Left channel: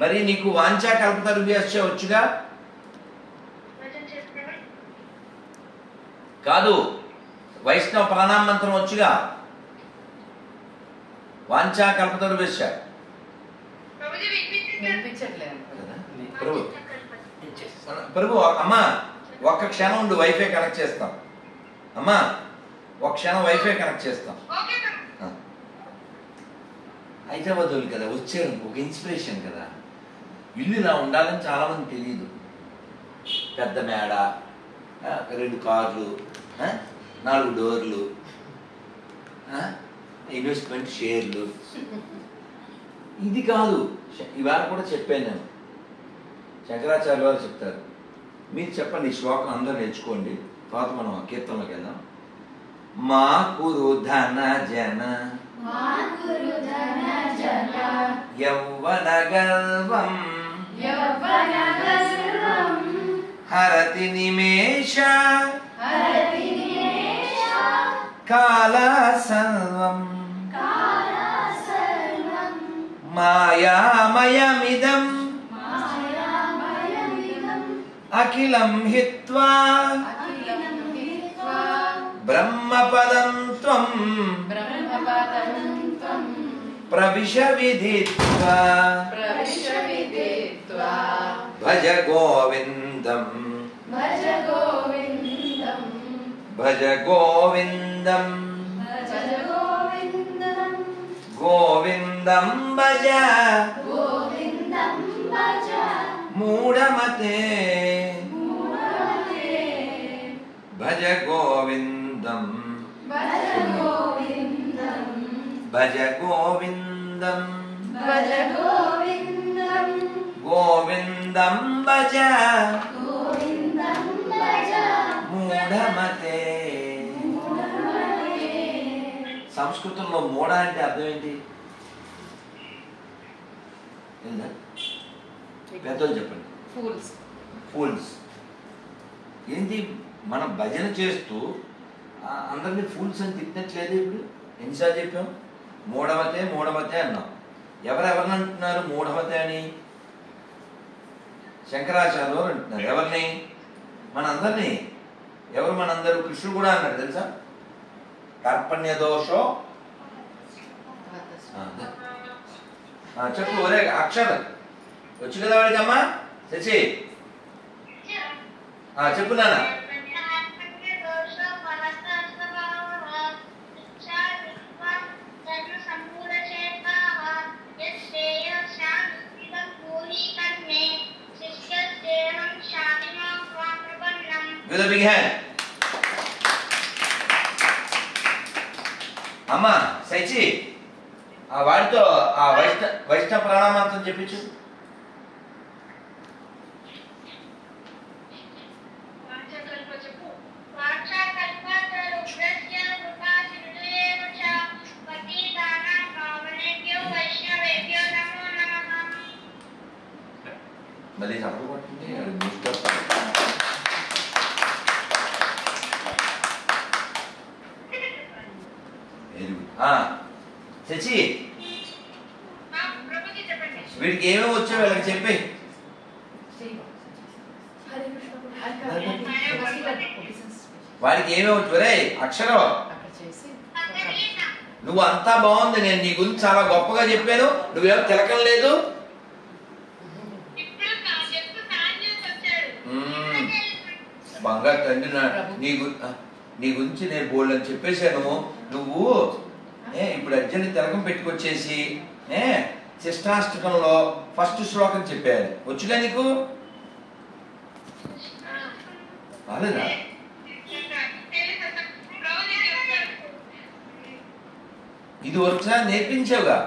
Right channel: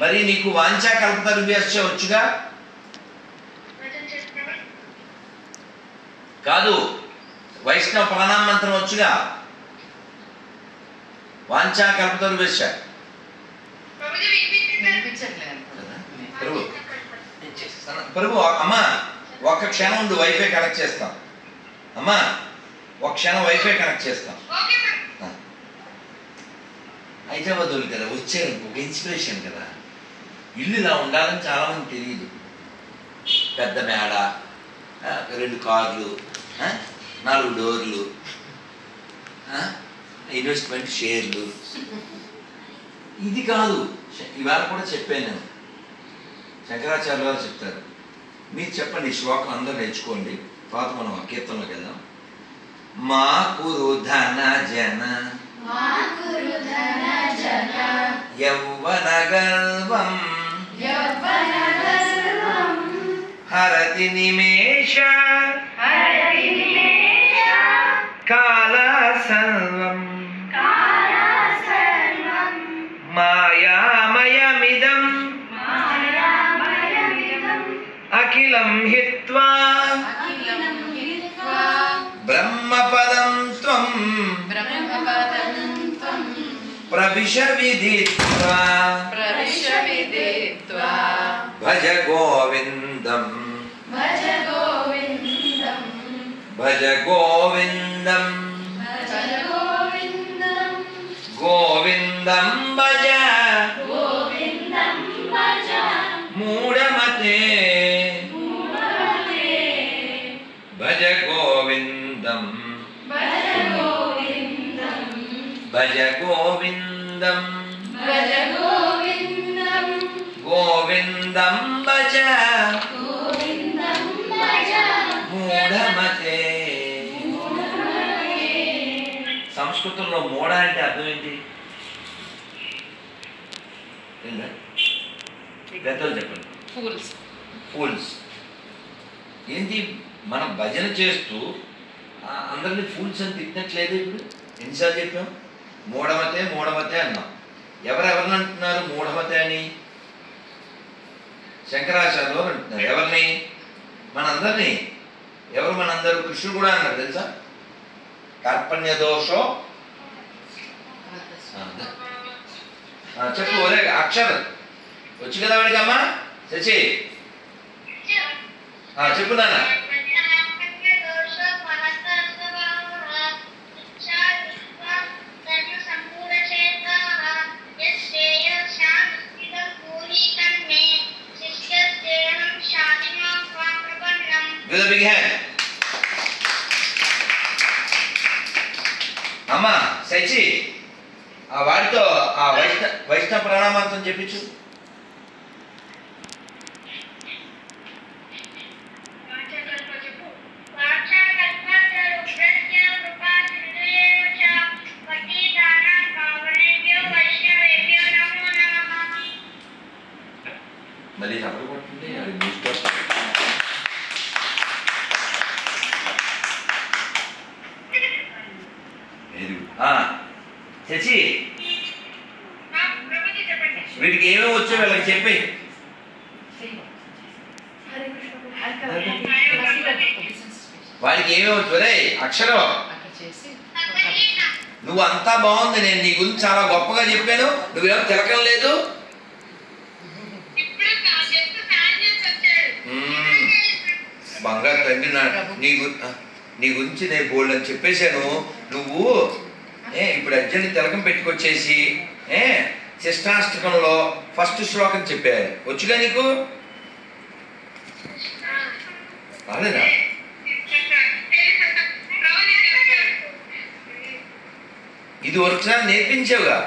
మరి నీకు వాంఛా కల్పతరుభ్యశ్చ వచ్చుగా? కాదు, వైష్ణవ ప్రణామ మంత్రం వచ్చుగా? వాంఛా కల్పతరుభ్యశ్చ ప్రభు. అమ్మా ఒక్క క్షణం ఉండు, వైఫై కనెక్ట్ చేస్తాం. అమ్మా ఒక క్షణం వైఫై కనెక్ట్ చేస్తాం. హైదరాబాద్ వాళ్ళు కదా వచ్చారు, ఒక ఇన్స్పిరేషన్ కదా. ఇల్లు ఇలా ఉండాలని చాలామంది తెలియదు. పెద్ద మేడ, 2 కార్లు, 4 డోర్లు, ఇన్వెస్ట్మెంట్ షేర్లు. ఇది కాదు. ఇవాళ కూడా చెప్పాను నేను. శంకరాచార్య వారు చెప్తారు. మీరు చెప్పండి, ఈ శ్లోకం అందరూ నేర్చుకోండి. తర్వాత మనం కీర్తనలోకి వెళ్దాం. మా కురు ధన జన యౌవన గర్వం హరతి నిమేష కాల సర్వం మాయామయమిదం అఖిలం హిత్వా బ్రహ్మపదం త్వం ప్రవిశ విదిత్వా భజ గోవిందం భజ గోవిందం గోవిందం భజ మూఢమతే భజ గోవిందం భజ గోవిందం గోవిందం భజ మూఢమతే. సంస్కృతంలో మూఢ అంటే అర్థం ఏంటి? పెద్దలు చెప్పండి. ఫూల్స్. ఏంటి? మనం భజన చేస్తూ అందరినీ ఫూల్స్ అని తిట్టినట్లేదు. ఇప్పుడు ఎన్నిసార్లు చెప్పాం? మూఢమతే మూఢమతే అన్నాం. ఎవరెవరిని అంటున్నారు మూఢమతే అని? శంకరాచార్యులు అంటున్నారు. ఎవరిని? మనందరినీ. ఎవరు మనందరూ? కృష్ణుడు కూడా అన్నారు తెలుసా? కార్పణ్య దోషో. చెప్పు ఒరే అక్షరం వచ్చు కదా వాడికమ్మా. శశి చెప్పు నాన్న. With a big hand. అమ్మా శశి వాడితో ఆ వైష్ణవ ప్రణామాంతం చెప్పించు. మళ్ళీ చప్పుడు పడుతుంది. శశి వీడికి ఏమేమి వచ్చో వీళ్ళకి చెప్పి. వాడికి ఏమేమి వచ్చు? రే అక్షరం, నువ్వు అంతా బాగుంది, నేను నీ గురించి చాలా గొప్పగా చెప్పాను, నువ్వేమో తిలకం లేదు. బంగారు తండ్రి, నీ గురించి నేను బోల్డ్ అని చెప్పేశాను. నువ్వు ఇప్పుడు అర్జున్ని తిలకం పెట్టుకొచ్చేసి శిష్టాష్టకంలో ఫస్ట్ శ్లోకం చెప్పారు. వచ్చుగా నీకు? రాలేదా? ఇది ఒకసారి నేర్పించావుగా.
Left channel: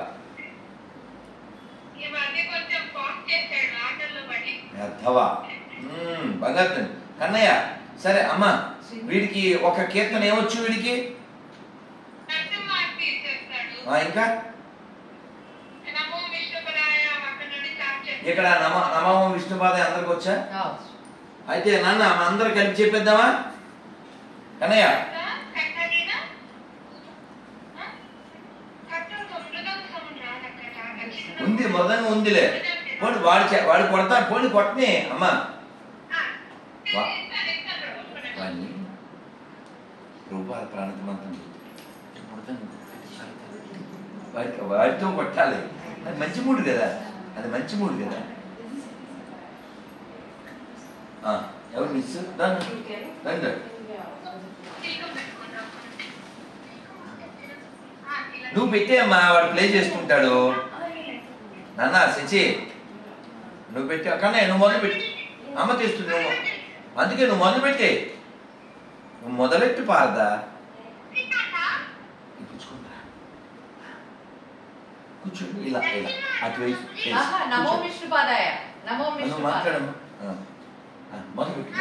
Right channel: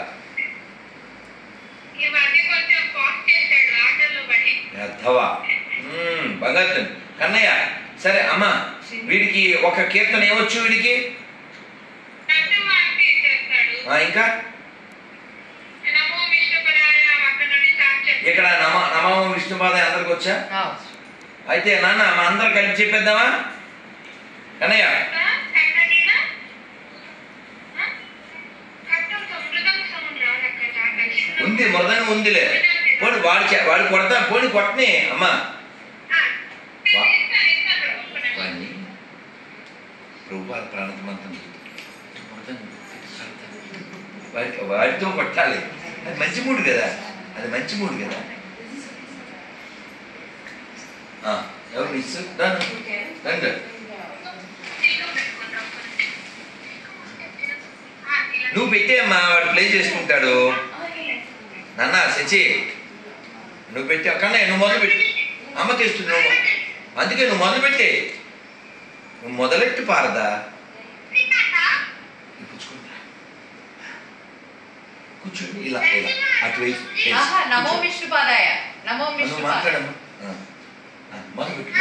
బంగారు కన్నయ్య. సరే అమ్మా, వీడికి ఒక కీర్తన ఏమొచ్చు? వీడికి ఇంకా ఇక్కడ నమో విష్ణుపాదాయ అందరికి వచ్చా? అయితే నాన్న మన అందరు కలిపి చెప్పేద్దామా కన్నయ్య? ఉంది, మృదంగం ఉందిలే. పోనీ వాడు కొడతా, పోనీ కొట్టనే అమ్మా. వాడిని ప్రభువాల ప్రాణతమంతం వాడితో కొట్టాలి. అది మంచి మూడు కదా, అది మంచి మూడు కదా. ఎవరు మిస్ రండి. నువ్వు పెట్టేయమ్మా, వాడు ప్లే చేసుకుంటాడు. నాన్న శచి నువ్వు పెట్టి అక్కడనే నువ్వు మొదలు పెట్టి అమ్మకి ఇస్తుంది. నువ్వు అందుకే నువ్వు మొదలు పెట్టే, నువ్వు మొదలెట్టి పారదా. కూర్చోండి ఇలా ఇలా అటువైపు మాట్లాడమ్మా. మొదలు పెట్టి